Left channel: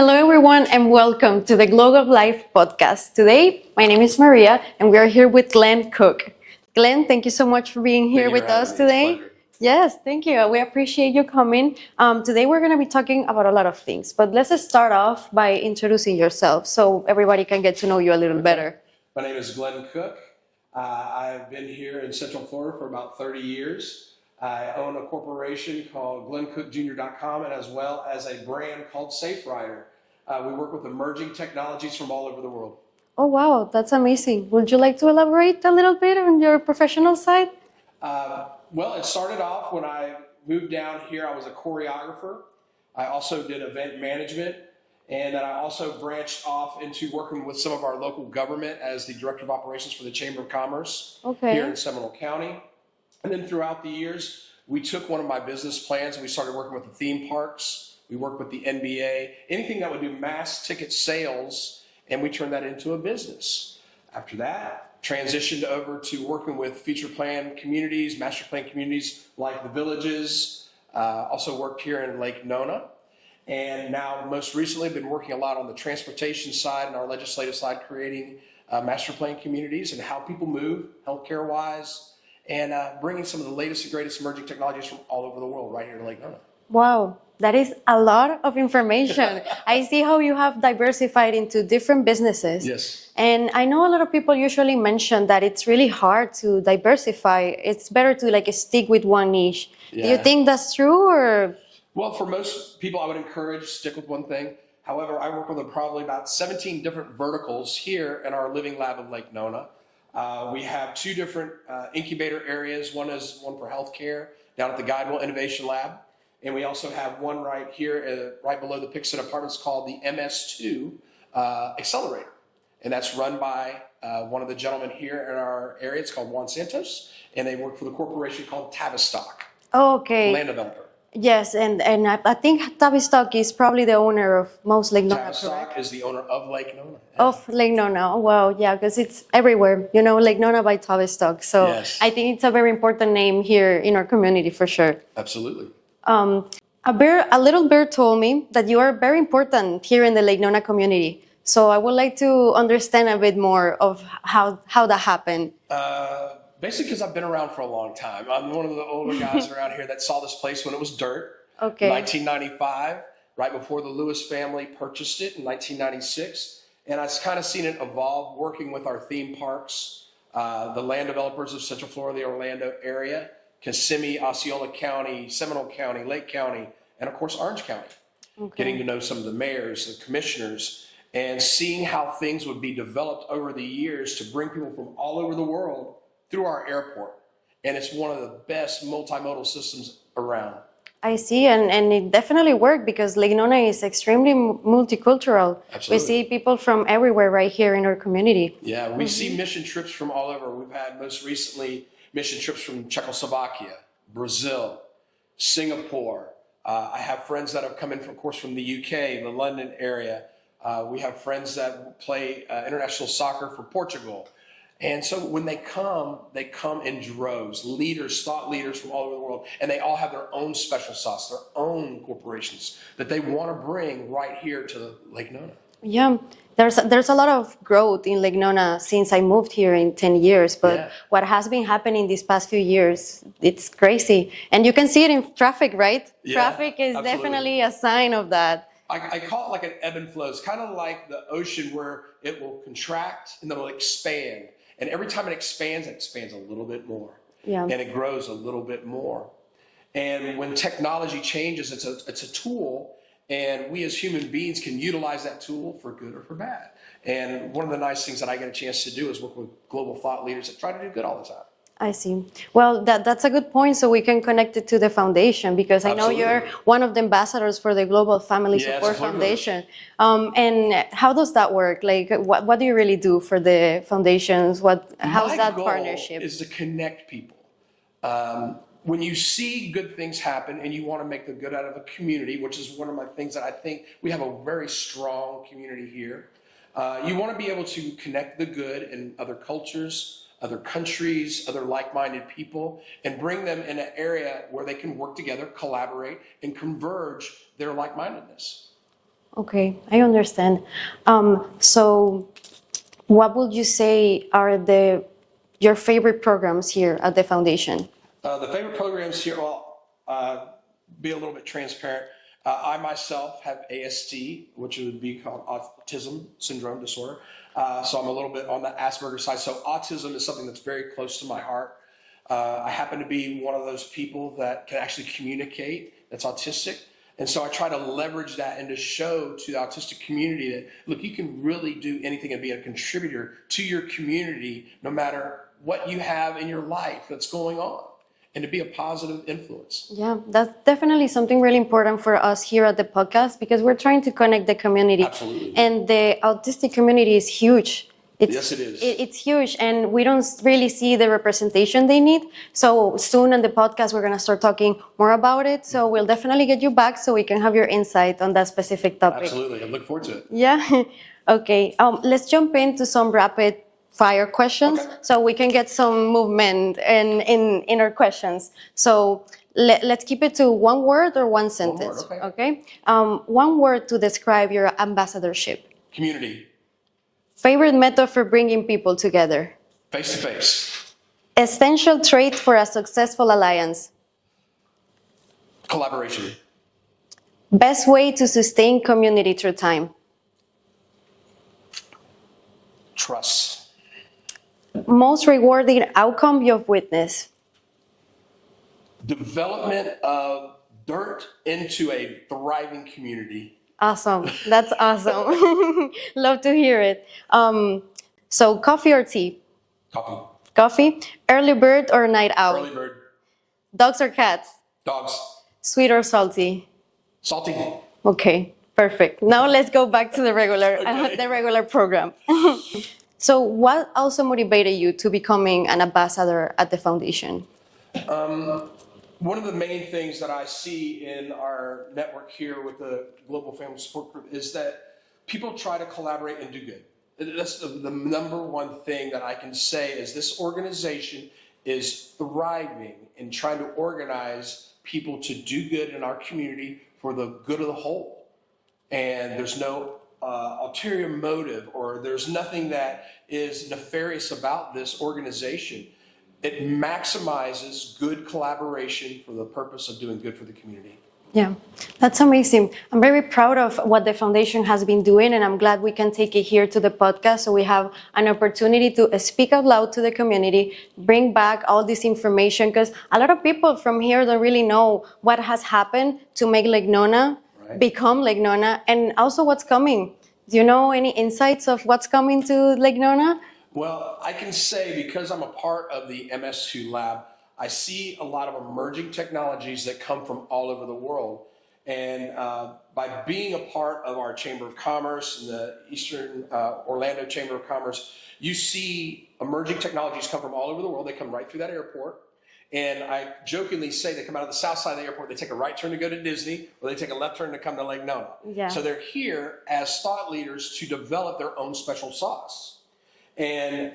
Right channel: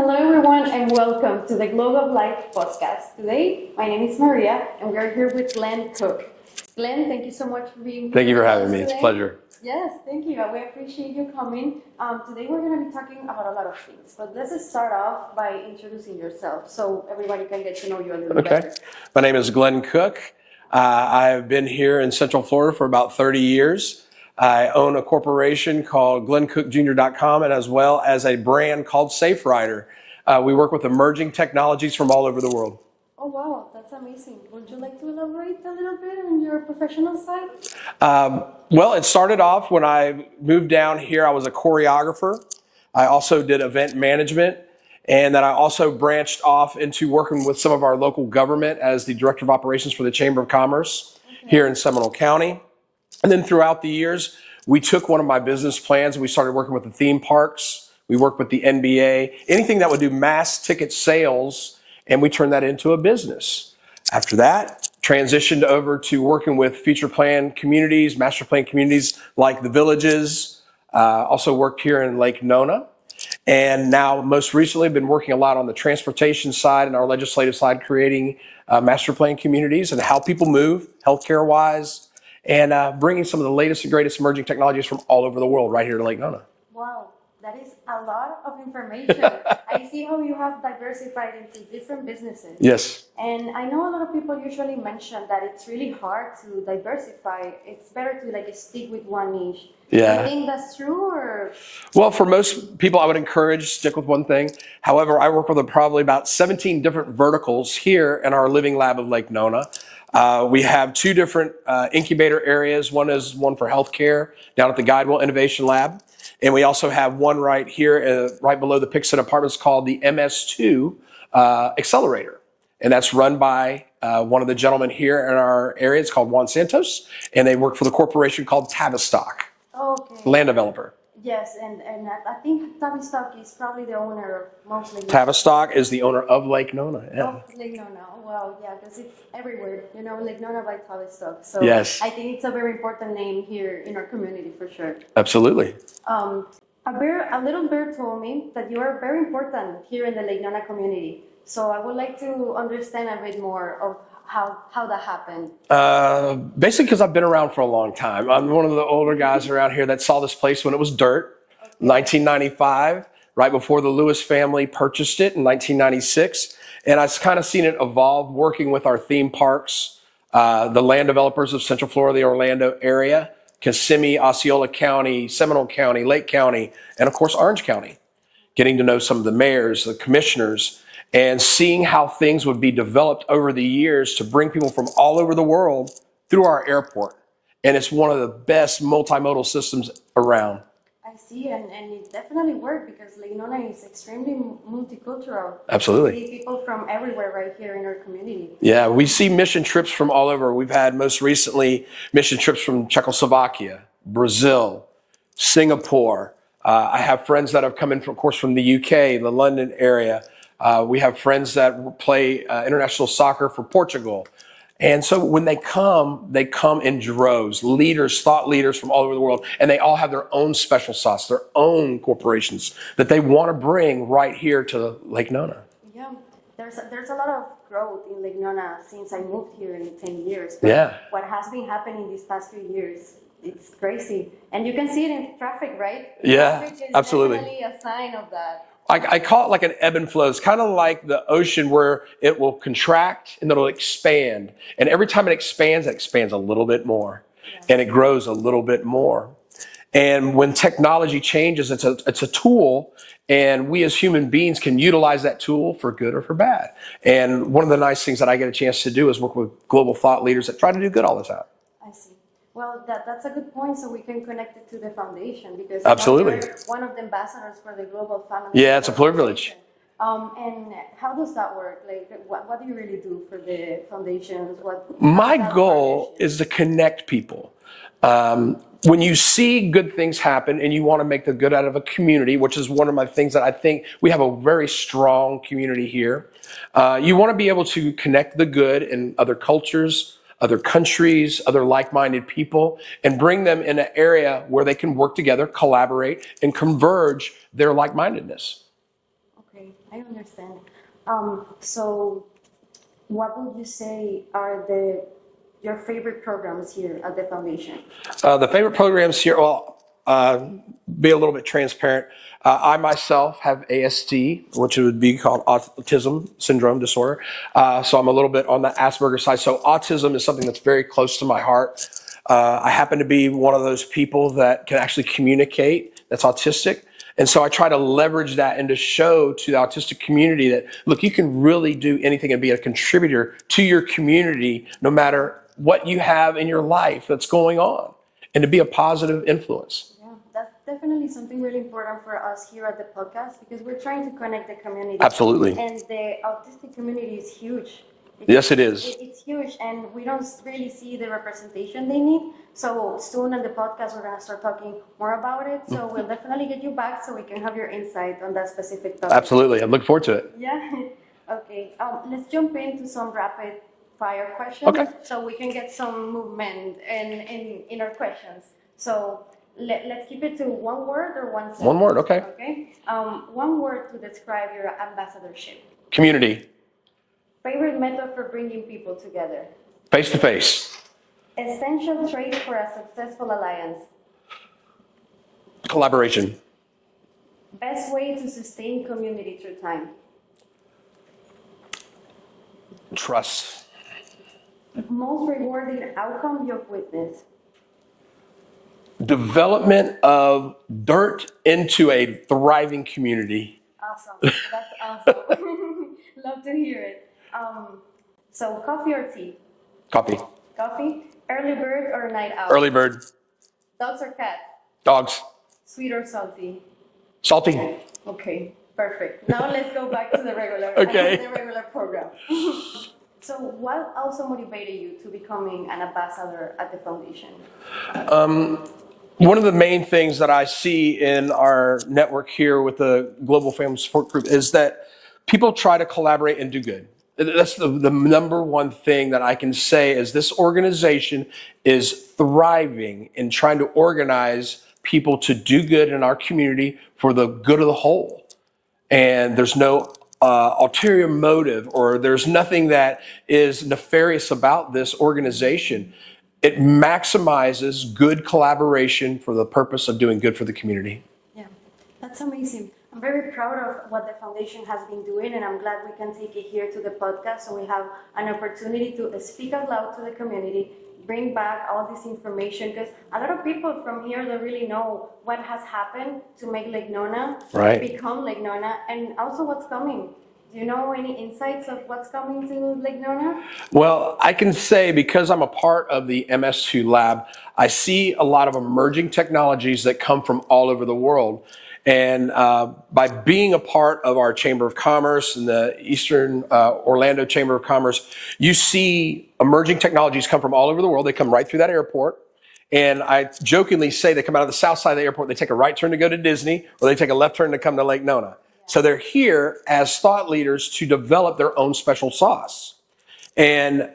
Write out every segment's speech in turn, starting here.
Hello everyone and welcome to the Glow of Life podcast. Today, my name is Maria and we are here with Glenn Cook. Glenn, thank you so much for being here with us today. It's a pleasure. Yes, thank you. We appreciate you coming. Today we're going to be talking about a lot of things, but let's just start off by introducing yourself so everybody can get to know you a little better. My name is Glenn Cook. I've been here in Central Florida for about 30 years. I own a corporation called GlennCookJr.com and as well as a brand called Safe Rider. We work with emerging technologies from all over the world. Oh, wow, that's amazing. Would you like to elaborate a little bit on your professional side? Well, it started off when I moved down here. I was a choreographer. I also did event management. And then I also branched off into working with some of our local government as the Director of Operations for the Chamber of Commerce here in Seminole County. And then throughout the years, we took one of my business plans and we started working with the theme parks. We worked with the NBA, anything that would do mass ticket sales, and we turned that into a business. After that, transitioned over to working with future plan communities, master plan communities like the Villages. Also worked here in Lake Nona. And now, most recently, I've been working a lot on the transportation side and our legislative side, creating master plan communities and how people move, healthcare-wise, and bringing some of the latest and greatest emerging technologies from all over the world right here to Lake Nona. Wow, that is a lot of information. I see how you have diversified into different businesses. Yes. And I know a lot of people usually mention that it's really hard to diversify. It's better to stick with one niche. Yeah. Do you think that's true or? Well, for most people, I would encourage stick with one thing. However, I work with probably about 17 different verticals here in our living lab of Lake Nona. We have two different incubator areas. One is one for healthcare down at the Guidewell Innovation Lab. And we also have one right here, right below the Pixton Apartments called the MS2 Accelerator. And that's run by one of the gentlemen here in our area. It's called Juan Santos. And they work for the corporation called Tavistock. Okay. Land developer. Yes, and I think Tavistock is probably the owner of most Lake Nona. Tavistock is the owner of Lake Nona. Yeah. Of Lake Nona. Well, yeah, because it's everywhere. Lake Nona by Tavistock. So yes. I think it's a very important name here in our community for sure. Absolutely. A little bird told me that you are very important here in the Lake Nona community. So I would like to understand a bit more of how that happened. Basically because I've been around for a long time. I'm one of the older guys around here that saw this place when it was dirt. Okay. 1995, right before the Lewis family purchased it in 1996. And I've kind of seen it evolve working with our theme parks, the land developers of Central Florida, the Orlando area, Kissimmee, Osceola County, Seminole County, Lake County, and of course Orange County. Okay. Getting to know some of the mayors, the commissioners, and seeing how things would be developed over the years to bring people from all over the world through our airport. And it's one of the best multimodal systems around. I see, and it definitely worked because Lake Nona is extremely multicultural. Absolutely. We see people from everywhere right here in our community. Yeah, we see mission trips from all over. We've had most recently mission trips from Czechoslovakia, Brazil, Singapore. I have friends that have come in, of course, from the UK, the London area. We have friends that play international soccer for Portugal. And so when they come in droves, leaders, thought leaders from all over the world, and they all have their own special sauce, their own corporations that they want to bring right here to Lake Nona. Yeah, there's a lot of growth in Lake Nona since I moved here in 10 years. But what has been happening these past few years, it's crazy. And you can see it in traffic, right? Yeah, traffic is absolutely. Definitely a sign of that. I call it like an ebb and flow. It's kind of like the ocean where it will contract and it'll expand. And every time it expands a little bit more. Yeah. And it grows a little bit more. And when technology changes, it's a tool, and we as human beings can utilize that tool for good or for bad. And one of the nice things that I get a chance to do is work with global thought leaders that try to do good all the time. I see. Well, that's a good point. So we can connect it to the foundation because I know you're one of the ambassadors for the Global Family Support Foundation. And how does that work? Like, what do you really do for the foundations? My goal is to connect people. When you see good things happen and you want to make the good out of a community, which is one of my things that I think we have a very strong community here. You want to be able to connect the good in other cultures, other countries, other like-minded people, and bring them in an area where they can work together, collaborate, and converge their like-mindedness. Okay, I understand. So what would you say are your favorite programs here at the foundation? The favorite programs here, well, be a little bit transparent. I myself have ASD, which would be called autism syndrome disorder. So I'm a little bit on the Asperger's side. So autism is something that's very close to my heart. I happen to be one of those people that can actually communicate, that's autistic. And so I try to leverage that and to show to the autistic community that, look, you can really do anything and be a contributor to your community, no matter what you have in your life that's going on, and to be a positive influence. Yeah, that's definitely something really important for us here at the podcast, because we're trying to connect the community. Absolutely. And the autistic community is huge. Yes, it is. It's huge, and we don't really see the representation they need. So soon on the podcast, we're going to start talking more about it. So we'll definitely get you back so we can have your insight on that specific topic. Absolutely. I look forward to it. Yeah. Okay. Let's jump into some rapid fire questions, okay, so we can get some movement in our questions. So let's keep it to one word or one sentence. One word, okay. Okay. One word to describe your ambassadorship. Community. Favorite method for bringing people together. Face to face. Essential trait for a successful alliance. Collaboration. Best way to sustain community through time. Trust. Most rewarding outcome you've witnessed. Development of dirt into a thriving community. Awesome. That's awesome. Love to hear it. So coffee or tea? Coffee. Coffee. Early bird or night owl? Early bird. Dogs or cats? Dogs. Sweet or salty? Salty. Okay, perfect. Now let's go back to the regular program. So what also motivated you to becoming an ambassador at the foundation? One of the main things that I see in our network here with the Global Family Support Group is that people try to collaborate and do good. That's the number one thing that I can say is this organization is thriving in trying to organize people to do good in our community for the good of the whole. And there's no ulterior motive, or there's nothing that is nefarious about this organization. It maximizes good collaboration for the purpose of doing good for the community. Yeah, that's amazing. I'm very proud of what the foundation has been doing, and I'm glad we can take it here to the podcast so we have an opportunity to speak out loud to the community, bring back all this information, because a lot of people from here don't really know what has happened to make Lake Nona become Lake Nona, and also what's coming. Do you know any insights of what's coming to Lake Nona? Well, I can say, because I'm a part of the MS2 lab, I see a lot of emerging technologies that come from all over the world. And by being a part of our Chamber of Commerce and the Eastern Orlando Chamber of Commerce, you see emerging technologies come from all over the world. They come right through that airport. And I jokingly say they come out of the south side of the airport, they take a right turn to go to Disney, or they take a left turn to come to Lake Nona. Yeah. So they're here as thought leaders to develop their own special sauce. And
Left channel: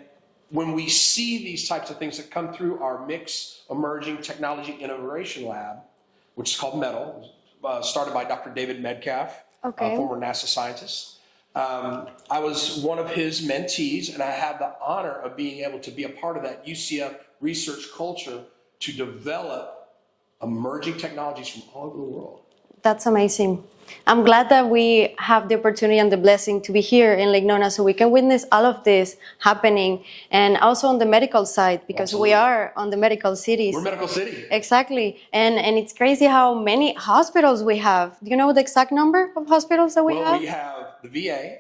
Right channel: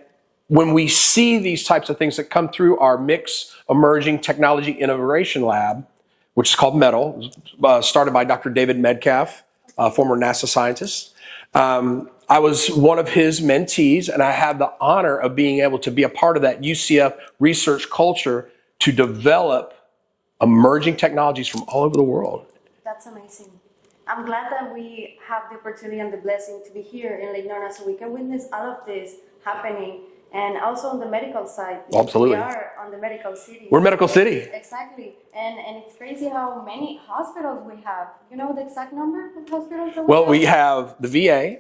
when we see these types of things that come through our Mix Emerging Technology Innovation Lab, which is called METAL, started by Dr. David Metcalf, a former NASA scientist. I was one of his mentees, and I had the honor of being able to be a part of that UCF research culture to develop emerging technologies from all over the world. That's amazing. I'm glad that we have the opportunity and the blessing to be here in Lake Nona so we can witness all of this happening, and also on the medical side, because we are on the medical city. We're medical city. Exactly. And it's crazy how many hospitals we have. Do you know the exact number of hospitals that we have? Well, we have the VA,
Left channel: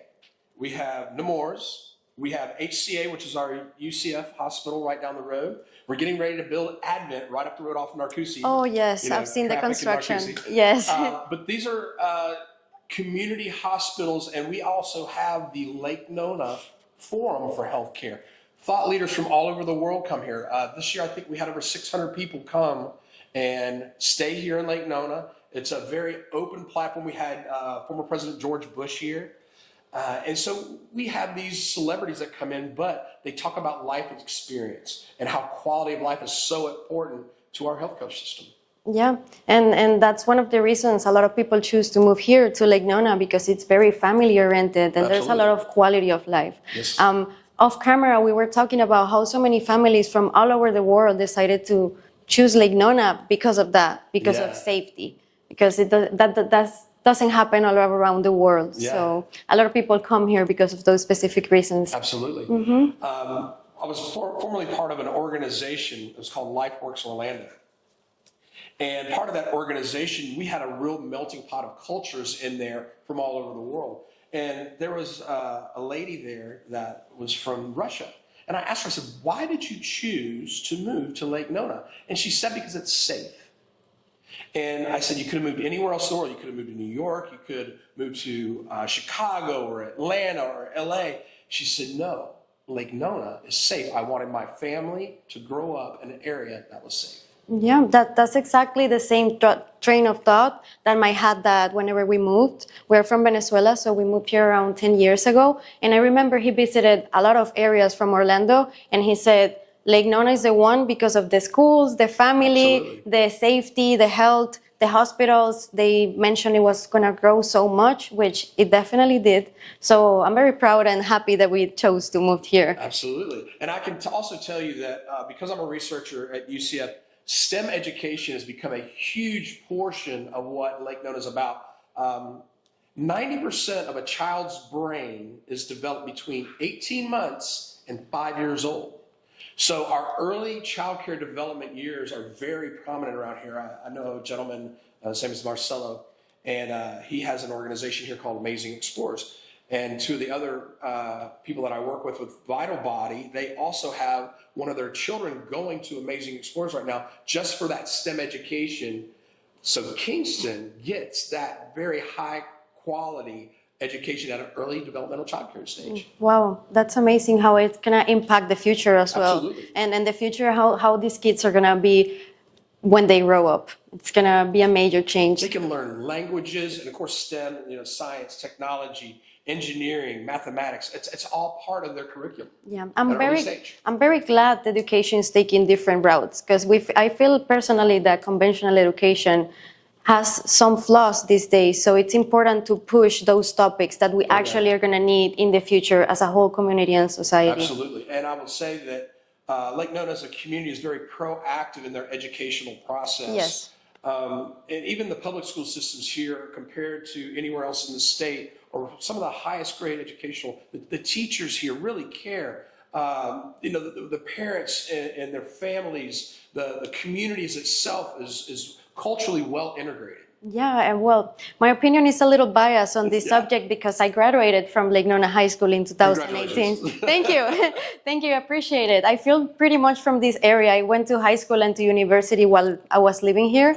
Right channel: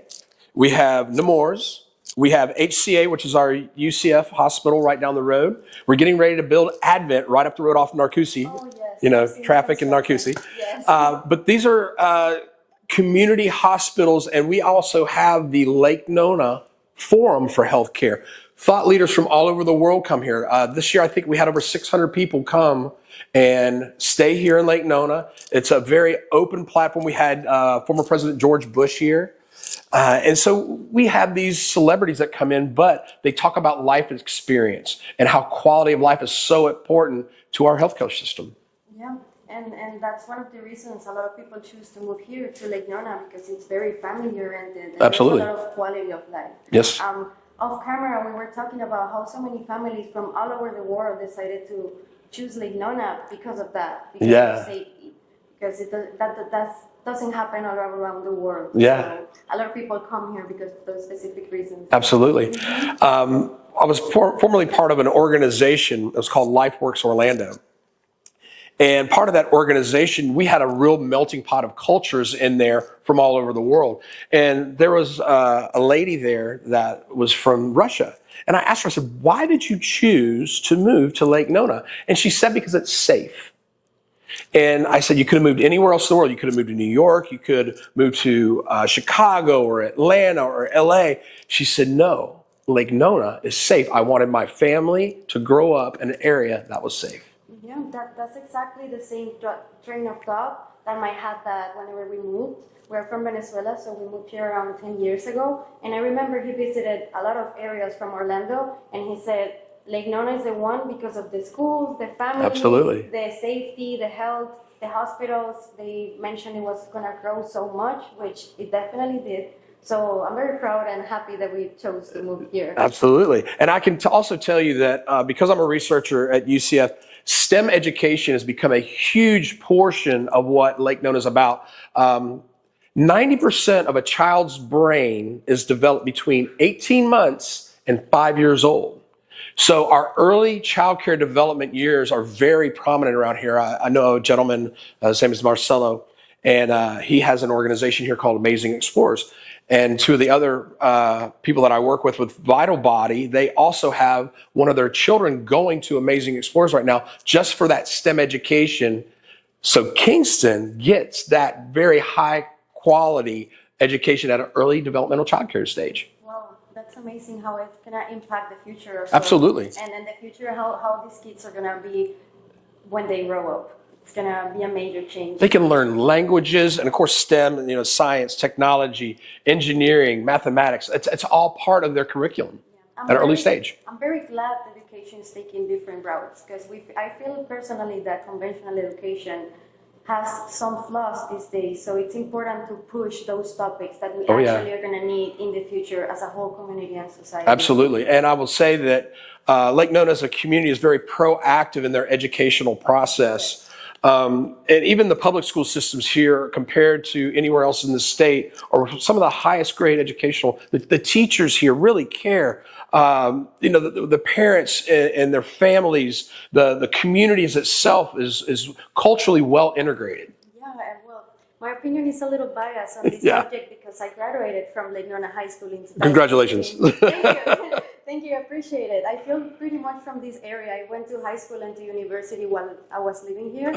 we have Nemours, we have HCA, which is our UCF hospital right down the road. We're getting ready to build Advent right up the road off Narcoossee. Oh, yes. You know, I've seen traffic in Narcoossee. Yes. But these are community hospitals, and we also have the Lake Nona Forum for Healthcare. Thought leaders from all over the world come here. This year, I think we had over 600 people come and stay here in Lake Nona. It's a very open platform. We had former President George Bush here. And so we have these celebrities that come in, but they talk about life experience and how quality of life is so important to our healthcare system. Yeah, and that's one of the reasons a lot of people choose to move here to Lake Nona, because it's very family oriented and Absolutely. there's a lot of quality of life. Yes. Off camera, we were talking about how so many families from all over the world decided to choose Lake Nona because of that, because of safety, because that doesn't happen all around the world. Yeah. So a lot of people come here because of those specific reasons. Absolutely. I was formerly part of an organization. It was called LifeWorks Orlando. And part of that organization, we had a real melting pot of cultures in there from all over the world. And there was a lady there that was from Russia. And I asked her, I said, why did you choose to move to Lake Nona? And she said, because it's safe. And I said, you could have moved anywhere else in the world. You could have moved to New York. You could move to Chicago or Atlanta or LA. She said, no, Lake Nona is safe. I wanted my family to grow up in an area that was safe. Yeah, that's exactly the same train of thought that had that whenever we moved. We're from Venezuela, so we moved here around 10 years ago. And I remember he visited a lot of areas from Orlando, and he said, Lake Nona is the one because of the schools, the family, Absolutely. The safety, the health, the hospitals. They mentioned it was going to grow so much, which it definitely did. So I'm very proud and happy that we chose to move here. Absolutely. And I can also tell you that because I'm a researcher at UCF, STEM education has become a huge portion of what Lake Nona is about. 90% of a child's brain is developed between 18 months and 5 years old. So our early child care development years are very prominent around here. I know a gentleman, his name is Marcelo, and he has an organization here called Amazing Explorers. And two of the other people that I work with Vital Body, they also have one of their children going to Amazing Explorers right now just for that STEM education. So Kingston gets that very high quality education at an early developmental child care stage. Wow, that's amazing how it's going to impact the future as well. Absolutely. And in the future, how these kids are going to be when they grow up. It's going to be a major change. They can learn languages and, of course, STEM, science, technology, engineering, mathematics. It's all part of their curriculum at an early stage. I'm very glad that education is taking different routes, because I feel personally that conventional education has some flaws these days. So it's important to push those topics that we actually are going to need in the future as a whole community and society. Absolutely. And I will say that Lake Nona as a community is very proactive in their educational process. Yes. And even the public school systems here, compared to anywhere else in the state, or some of the highest grade educational, the teachers here really care. The parents and their families, the communities itself is culturally well integrated. Yeah, and well, my opinion is a little biased on this subject because I graduated from Lake Nona High School in 2018. Congratulations. Thank you. Thank you, I appreciate it. I feel pretty much from this area. I went to high school and to university while I was living here.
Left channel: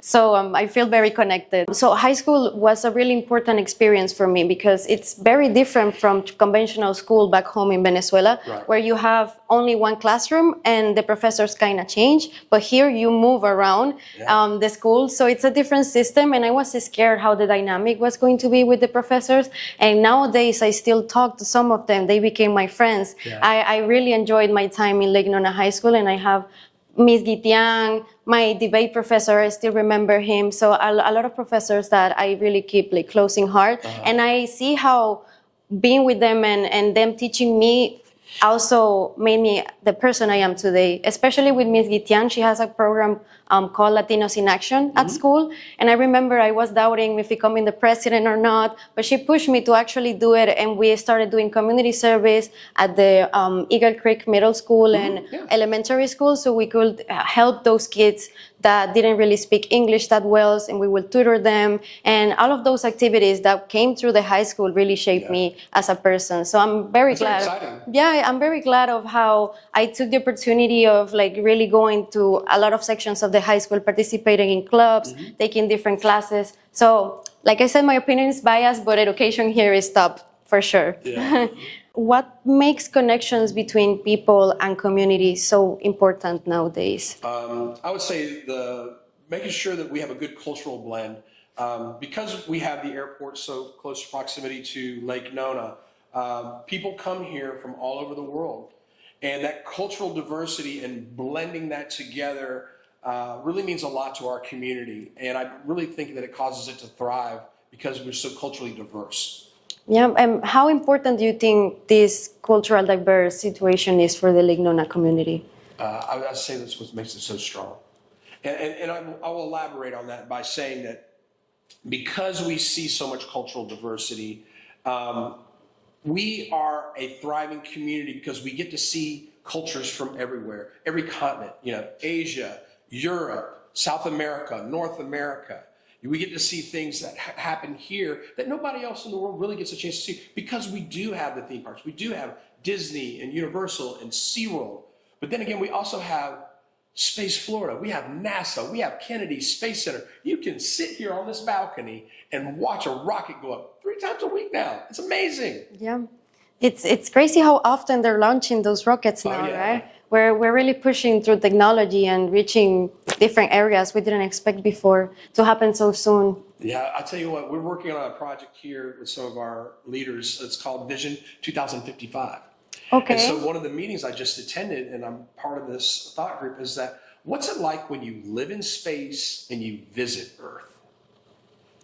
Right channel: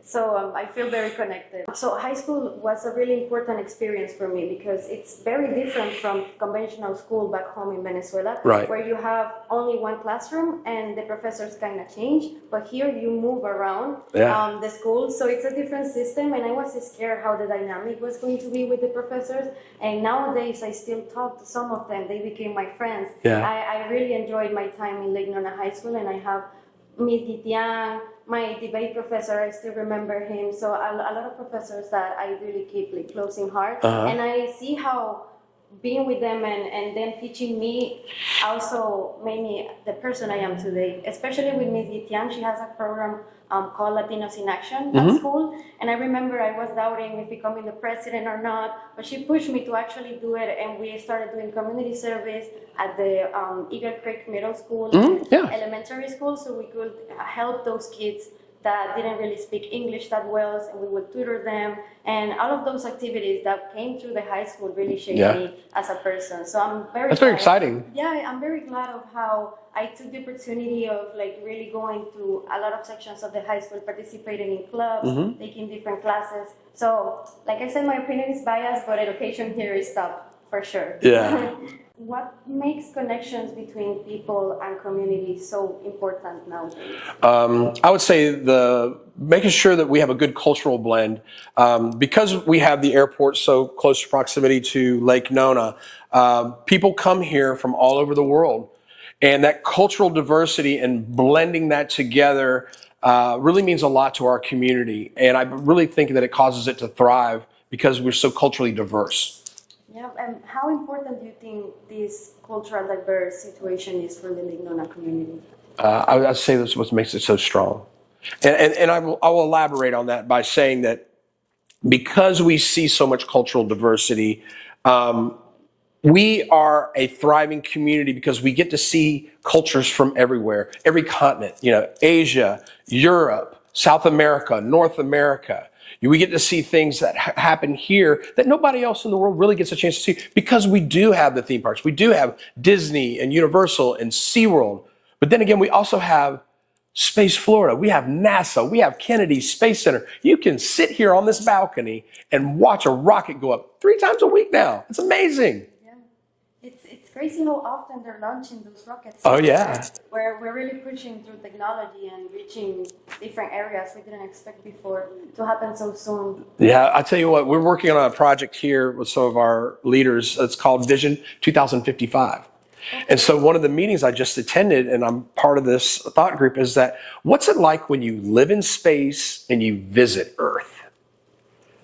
So I feel very connected. So high school was a really important experience for me because it's very different from conventional school back home in Venezuela, where you have only one classroom and the professors kind of change. But here you move around the school. So it's a different system. And I was scared how the dynamic was going to be with the professors. And nowadays I still talk to some of them. They became my friends. I really enjoyed my time in Lake Nona High School, and I have Miss Gitian, my debate professor, I still remember him. So a lot of professors that I really keep close in heart. And I see how being with them and them teaching me also made me the person I am today, especially with Miss Gitian. She has a program called Latinos in Action at school. And I remember I was doubting if becoming the president or not, but she pushed me to actually do it. And we started doing community service at the Eagle Creek Middle School and elementary school, so we could help those kids that didn't really speak English that well, and we would tutor them. And all of those activities that came through the high school really shaped me as a person. So I'm very glad. That's very exciting. Yeah, I'm very glad of how I took the opportunity of really going to a lot of sections of the high school, participating in clubs, taking different classes. So, like I said, my opinion is biased, but education here is top for sure. Yeah. What makes connections between people and communities so important nowadays? I would say making sure that we have a good cultural blend. Because we have the airport so close proximity to Lake Nona, people come here from all over the world. And that cultural diversity and blending that together really means a lot to our community. And I really think that it causes it to thrive because we're so culturally diverse. Yeah, and how important do you think this cultural diverse situation is for the Lake Nona community? I'd say that's what makes it so strong. And I will elaborate on that by saying that because we see so much cultural diversity, we are a thriving community because we get to see cultures from everywhere, every continent, Asia, Europe, South America, North America. We get to see things that happen here that nobody else in the world really gets a chance to see because we do have the theme parks. We do have Disney and Universal and SeaWorld. But then again, we also have Space Florida. We have NASA. We have Kennedy Space Center. You can sit here on this balcony and watch a rocket go up 3 times a week now. It's amazing. Yeah. It's crazy how often they're launching those rockets now, oh, yeah. Right? We're really pushing through technology and reaching different areas we didn't expect before to happen so soon. Yeah, I'll tell you what, we're working on a project here with some of our leaders. It's called Vision 2055. Okay. And so one of the meetings I just attended, and I'm part of this thought group, is that what's it like when you live in space and you visit Earth?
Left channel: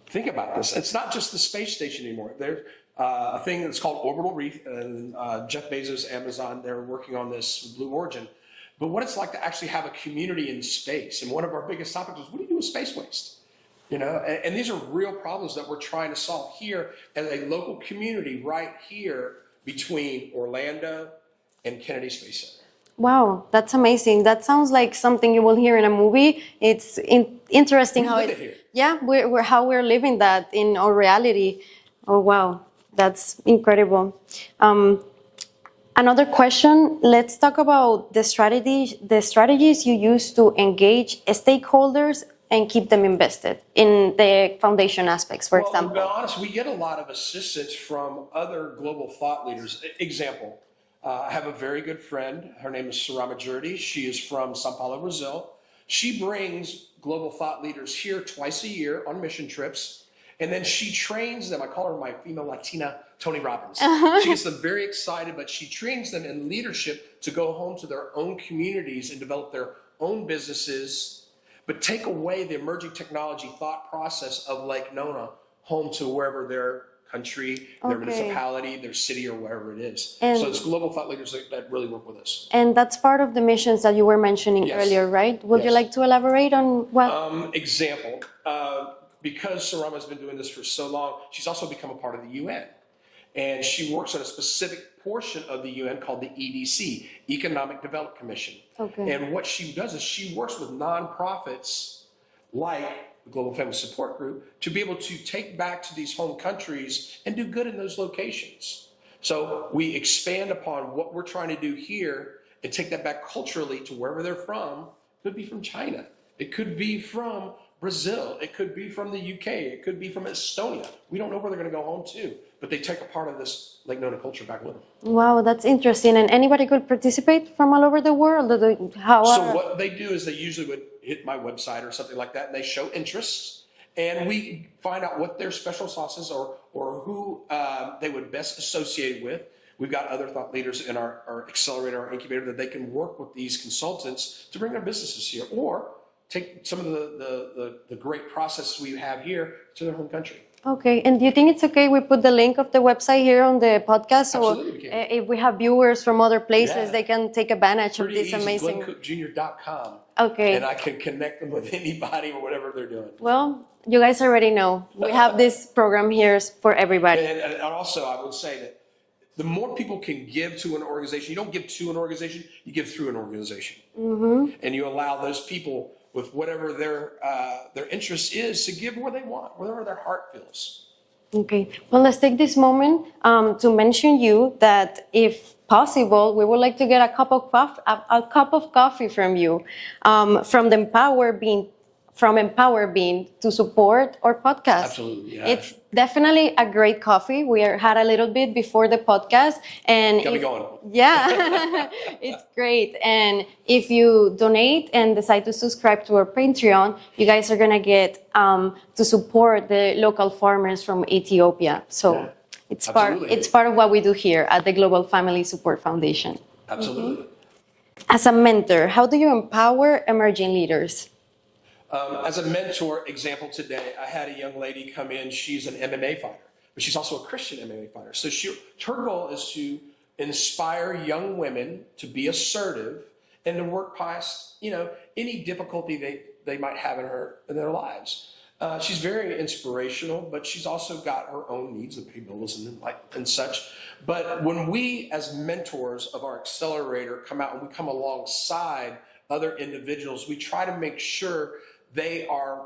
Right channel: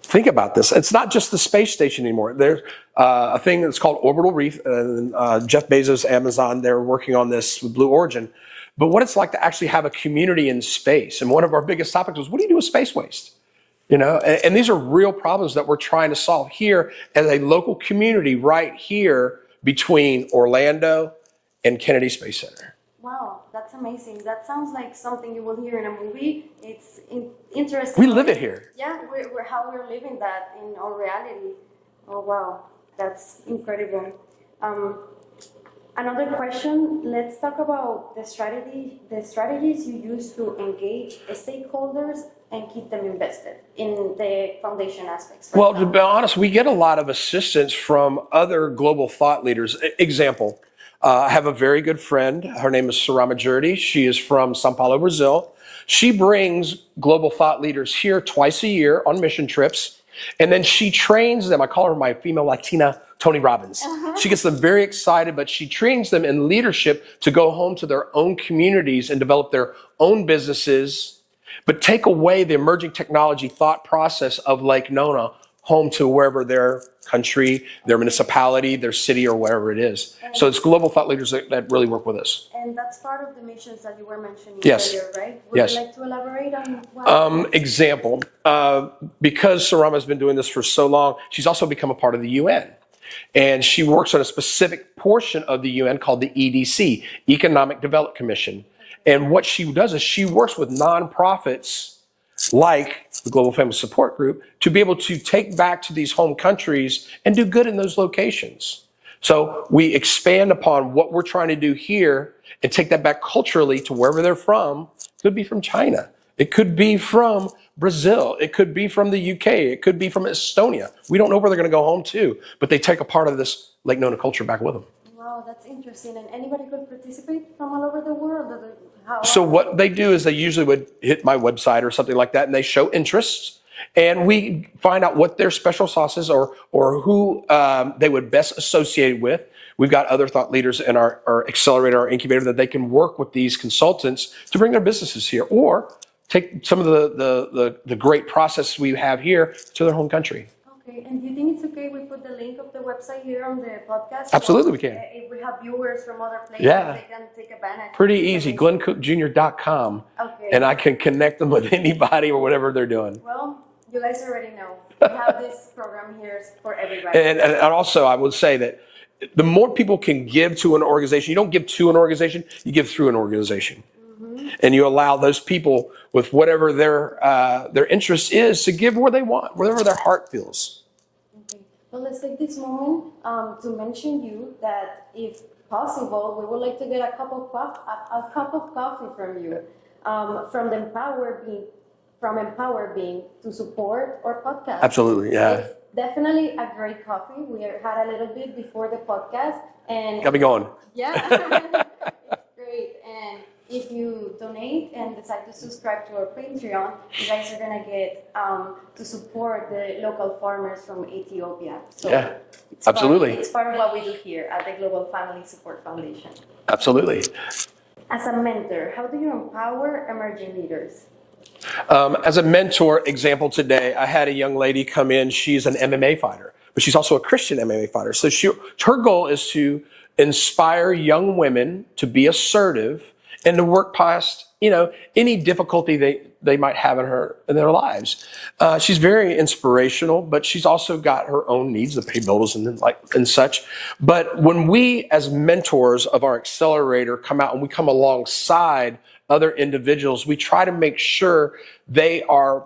Think about this. It's not just the space station anymore. There's a thing that's called orbital reef. Jeff Bezos, Amazon, they're working on this with Blue Origin. But what it's like to actually have a community in space. And one of our biggest topics was, what do you do with space waste? And these are real problems that we're trying to solve here as a local community right here between Orlando and Kennedy Space Center. Wow, that's amazing. That sounds like something you will hear in a movie. It's interesting. We live it here. Yeah, how we're living that in our reality. Oh, wow, that's incredible. Another question, let's talk about the strategies you use to engage stakeholders and keep them invested in the foundation aspects, for example. Well, to be honest, we get a lot of assistance from other global thought leaders. Example, I have a very good friend. Her name is Sarama Jurdi. She is from Sao Paulo, Brazil. She brings global thought leaders here twice a year on mission trips, and then she trains them. I call her my female Latina Tony Robbins. She gets them very excited, but she trains them in leadership to go home to their own communities and develop their own businesses, but take away the emerging technology thought process of Lake Nona home to wherever their country, their municipality, their city, or wherever it is. And so it's global thought leaders that really work with us. And that's part of the missions that you were mentioning earlier, right? Would you like to elaborate on what? Example, because Sarama has been doing this for so long, she's also become a part of the UN. And she works on a specific portion of the UN called the EDC, Economic Development Commission. And what she does is she works with nonprofits like the Global Family Support Group to be able to take back to these home countries and do good in those locations. So we expand upon what we're trying to do here and take that back culturally to wherever they're from. It could be from China. It could be from Brazil. It could be from the UK. It could be from Estonia. We don't know where they're going to go home to, but they take a part of this Lake Nona culture back with them. Wow, that's interesting. And anybody could participate from all over the world? So what they do is they usually would hit my website or something like that, and they show interests, and we find out what their special sauce is or who they would best associate with. We've got other thought leaders in our accelerator, our incubator, that they can work with these consultants to bring their businesses here, or take some of the great process we have here to their home country. Okay, and do you think it's okay we put the link of the website here on the podcast? Absolutely, we can. If we have viewers from other places, they can take advantage. Pretty easy, GlennCookJr.com. Okay. And I can connect them with anybody or whatever they're doing. Well, you guys already know. We have this program here for everybody. And also, I would say that the more people can give to an organization, you don't give to an organization, you give through an organization. And you allow those people with whatever their interest is to give where they want, wherever their heart feels. Okay. Well, let's take this moment to mention you that if possible, we would like to get a cup of coffee from you, from Empower Bean to support our podcast. Absolutely, yeah. It's definitely a great coffee. We had a little bit before the podcast, and got me going. Yeah, it's great. And if you donate and decide to subscribe to our Patreon, you guys are gonna get to support the local farmers from Ethiopia. So it's part of what we do here at the Global Family Support Foundation. Absolutely. As a mentor, how do you empower emerging leaders? As a mentor example today, I had a young lady come in. She's an MMA fighter, but she's also a Christian MMA fighter. So her goal is to inspire young women to be assertive and to work past, any difficulty they might have in their lives. She's very inspirational, but she's also got her own needs to pay bills and such. But when we, as mentors of our accelerator, come out and we come alongside other individuals, we try to make sure they are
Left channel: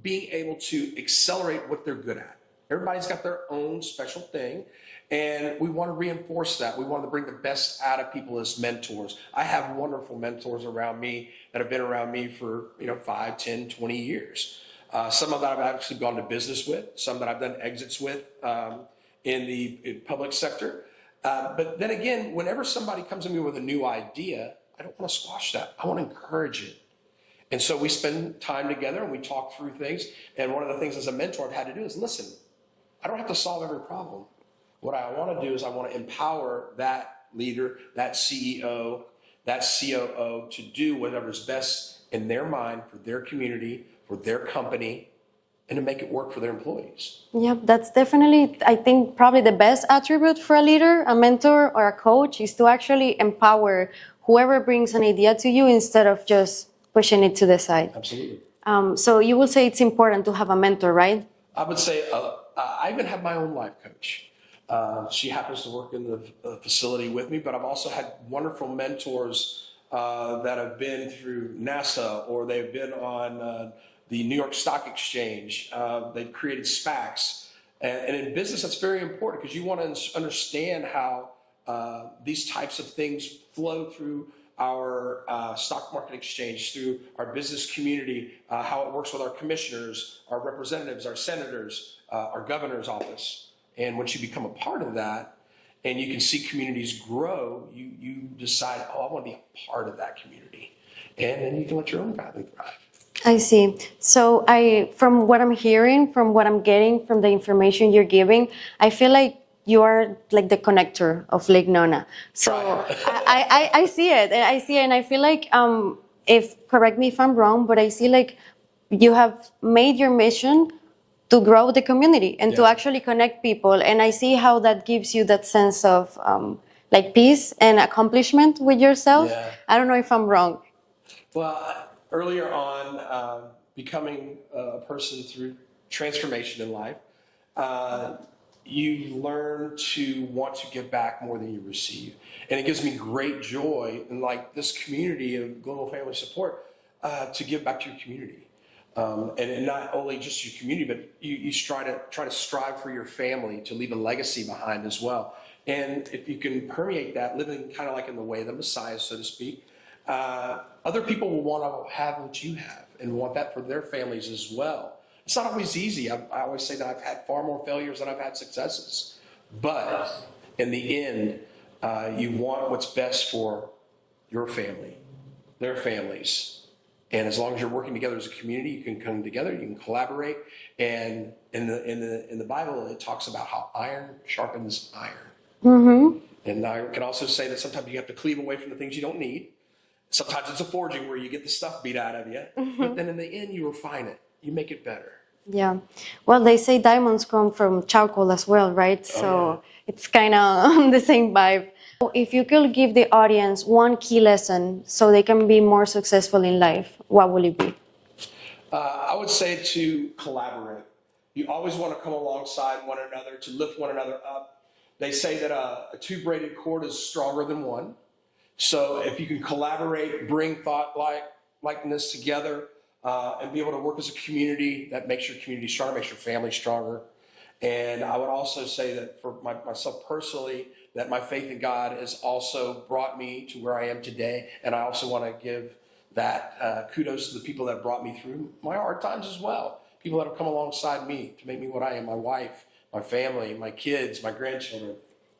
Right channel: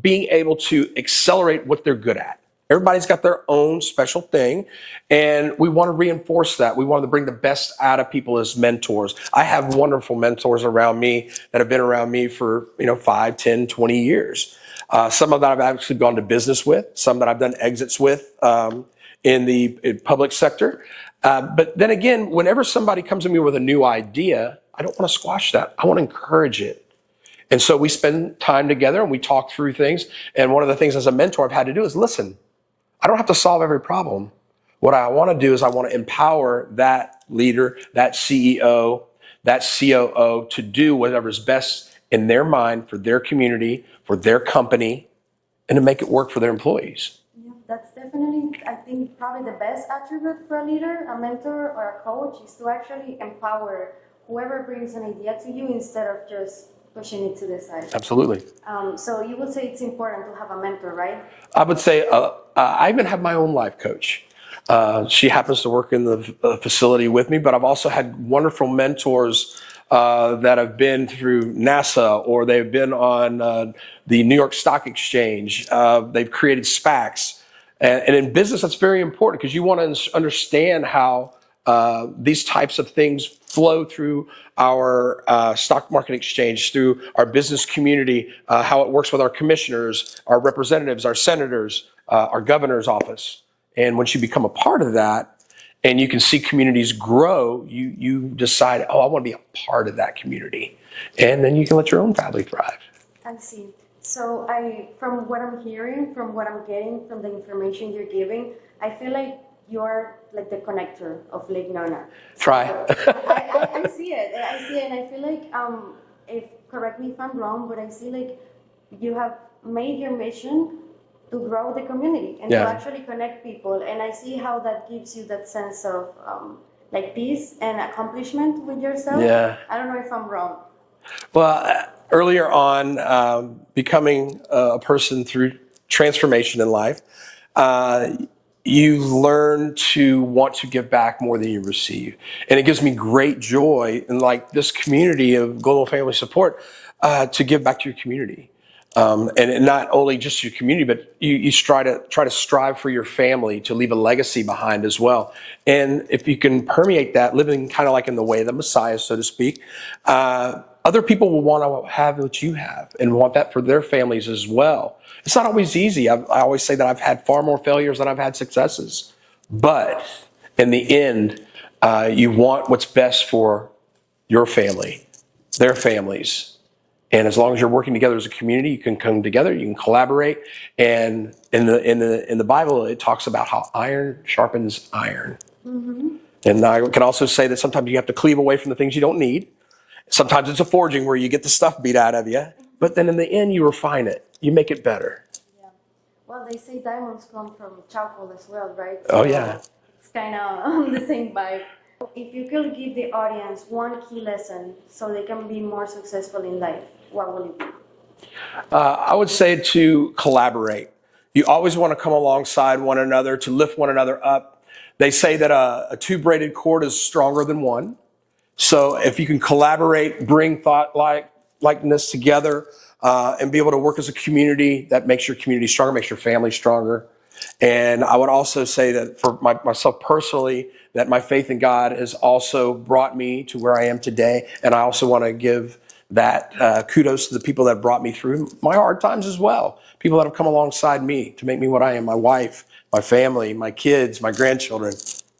being able to accelerate what they're good at. Everybody's got their own special thing, and we want to reinforce that. We want to bring the best out of people as mentors. I have wonderful mentors around me that have been around me for 5, 10, 20 years. Some of that I've actually gone to business with, some that I've done exits with in the public sector. But then again, whenever somebody comes to me with a new idea, I don't want to squash that. I want to encourage it. And so we spend time together and we talk through things. And one of the things as a mentor I've had to do is listen. I don't have to solve every problem. What I want to do is I want to empower that leader, that CEO, that COO to do whatever's best in their mind for their community, for their company, and to make it work for their employees. Yeah, that's definitely, I think, probably the best attribute for a leader, a mentor, or a coach is to actually empower whoever brings an idea to you instead of just pushing it to the side. Absolutely. So you will say it's important to have a mentor, right? I would say I even have my own life coach. She happens to work in the facility with me, but I've also had wonderful mentors that have been through NASA, or they've been on the New York Stock Exchange. They've created SPACs. And in business, that's very important because you want to understand how these types of things flow through our stock market exchange, through our business community, how it works with our commissioners, our representatives, our senators, our governor's office. And once you become a part of that and you can see communities grow, you decide, I want to be a part of that community. And then you can let your own family thrive. I see. So from what I'm hearing, from what I'm getting, from the information you're giving, I feel like you are like the connector of Lake Nona. So Try. I see it. And I feel like, correct me if I'm wrong, but I see like you have made your mission to grow the community and to actually connect people. And I see how that gives you that sense of like peace and accomplishment with yourself. Yeah. I don't know if I'm wrong. Well, earlier on, becoming a person through transformation in life, you learn to want to give back more than you receive. And it gives me great joy in like this community of Global Family Support to give back to your community. And not only just your community, but you try to strive for your family to leave a legacy behind as well. And if you can permeate that, living kind of like in the way of the Messiah, so to speak, other people will want to have what you have and want that for their families as well. It's not always easy. I always say that I've had far more failures than I've had successes. But in the end, you want what's best for your family, their families. And as long as you're working together as a community, you can come together, you can collaborate. And in the Bible, it talks about how iron sharpens iron. Mm-hmm. And I can also say that sometimes you have to cleave away from the things you don't need. Sometimes it's a forging where you get the stuff beat out of you. Mm-hmm. But then in the end, you refine it. You make it better. Yeah. Well, they say diamonds come from charcoal as well, right? Oh, so yeah. It's kind of the same vibe. If you could give the audience one key lesson so they can be more successful in life, what will it be? I would say to collaborate. You always want to come alongside one another to lift one another up. They say that a two-braided cord is stronger than one. So if you can collaborate, bring thought likeness together, and be able to work as a community, that makes your community stronger, makes your family stronger. And I would also say that for myself personally, that my faith in God has also brought me to where I am today. And I also want to give that kudos to the people that brought me through my hard times as well. People that have come alongside me to make me what I am, my wife, my family, my kids, my grandchildren.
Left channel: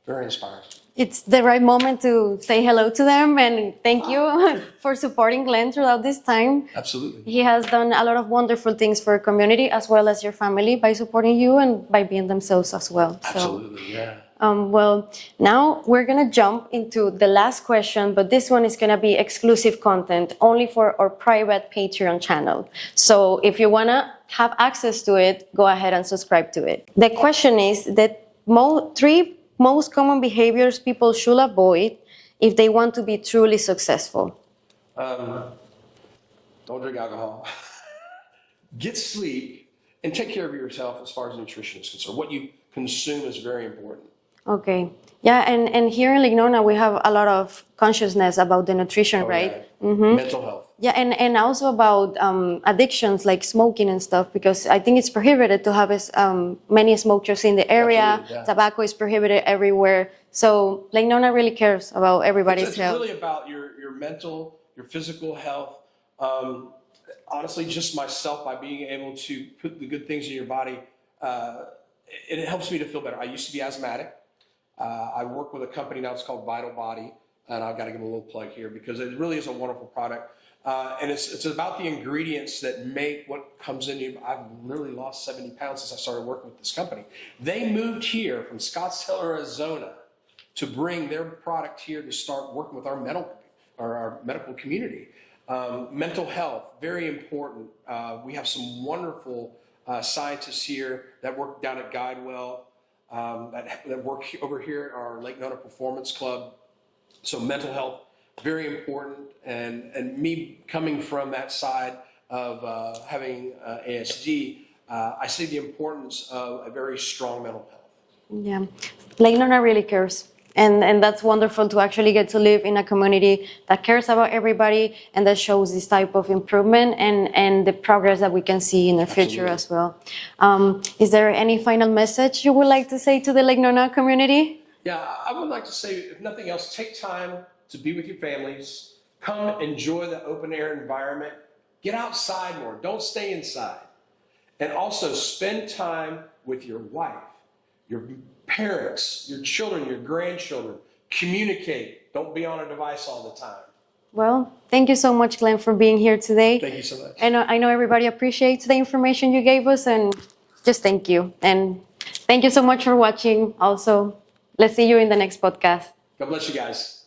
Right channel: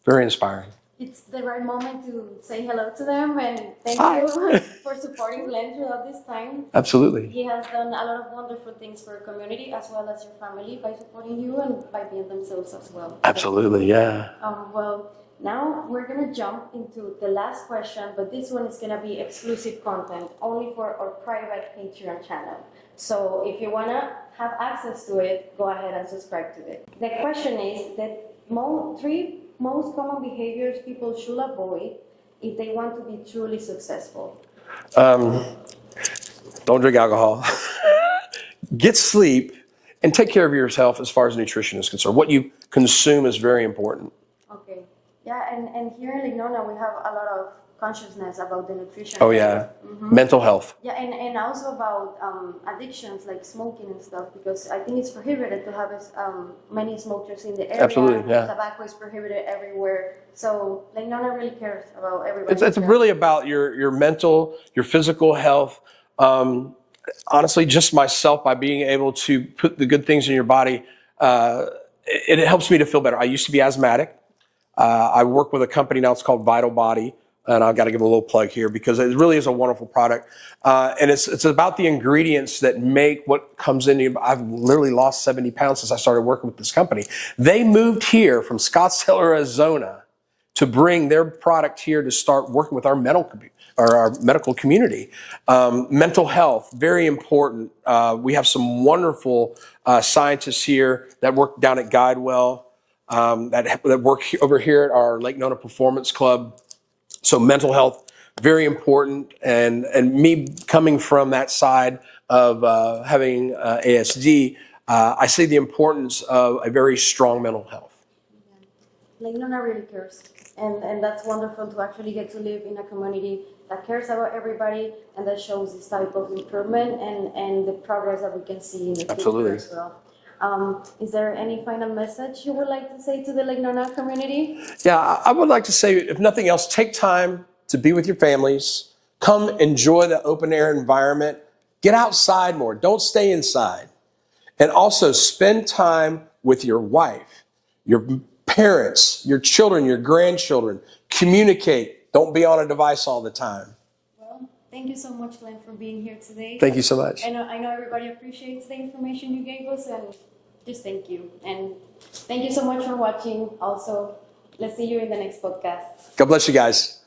Very inspiring. it's the right moment to say hello to them and thank you for supporting Glenn throughout this time. Absolutely. He has done a lot of wonderful things for your community as well as your family by supporting you and by being themselves as well. Absolutely, yeah. Well, now we're going to jump into the last question, but this one is going to be exclusive content only for our private Patreon channel. So if you want to have access to it, go ahead and subscribe to it. The question is that three most common behaviors people should avoid if they want to be truly successful. Don't drink alcohol. Get sleep and take care of yourself as far as nutrition is concerned. What you consume is very important. Okay. Yeah, and here in Nona, we have a lot of consciousness about the nutrition, right? Yeah. Mental health. Yeah, and also about addictions like smoking and stuff, because I think it's prohibited to have many smokers in the area. Absolutely, yeah. Tobacco is prohibited everywhere. So Nona really cares about everybody's It's really about your mental, your physical health. Honestly, just myself, by being able to put the good things in your body, it helps me to feel better. I used to be asthmatic. I work with a company now, it's called Vital Body, and I've got to give a little plug here because it really is a wonderful product. And it's about the ingredients that make what comes in you. I've literally lost 70 pounds since I started working with this company. They moved here from Scottsdale, Arizona to bring their product here to start working with our medical community. Mental health, very important. We have some wonderful scientists here that work down at Guidewell. That work over here at our Lake Nona Performance Club. So mental health, very important. And me coming from that side of having ASD, I see the importance of a very strong mental health. Yeah, Lake Nona really cares. And that's wonderful to actually get to live in a community that cares about everybody and that shows this type of improvement and the progress that we can see in the future as well. Is there any final message you would like to say to the Lake Nona community? Yeah, I would like to say, if nothing else, take time to be with your families. Come enjoy the open air environment. Get outside more. Don't stay inside. And also spend time with your wife, your parents, your children, your grandchildren. Communicate. Don't be on a device all the time. Well, thank you so much, Glenn, for being here today. Thank you so much. I know everybody appreciates the information you gave us, and just thank you. And thank you so much for watching also. Let's see you in the next podcast. God bless you guys.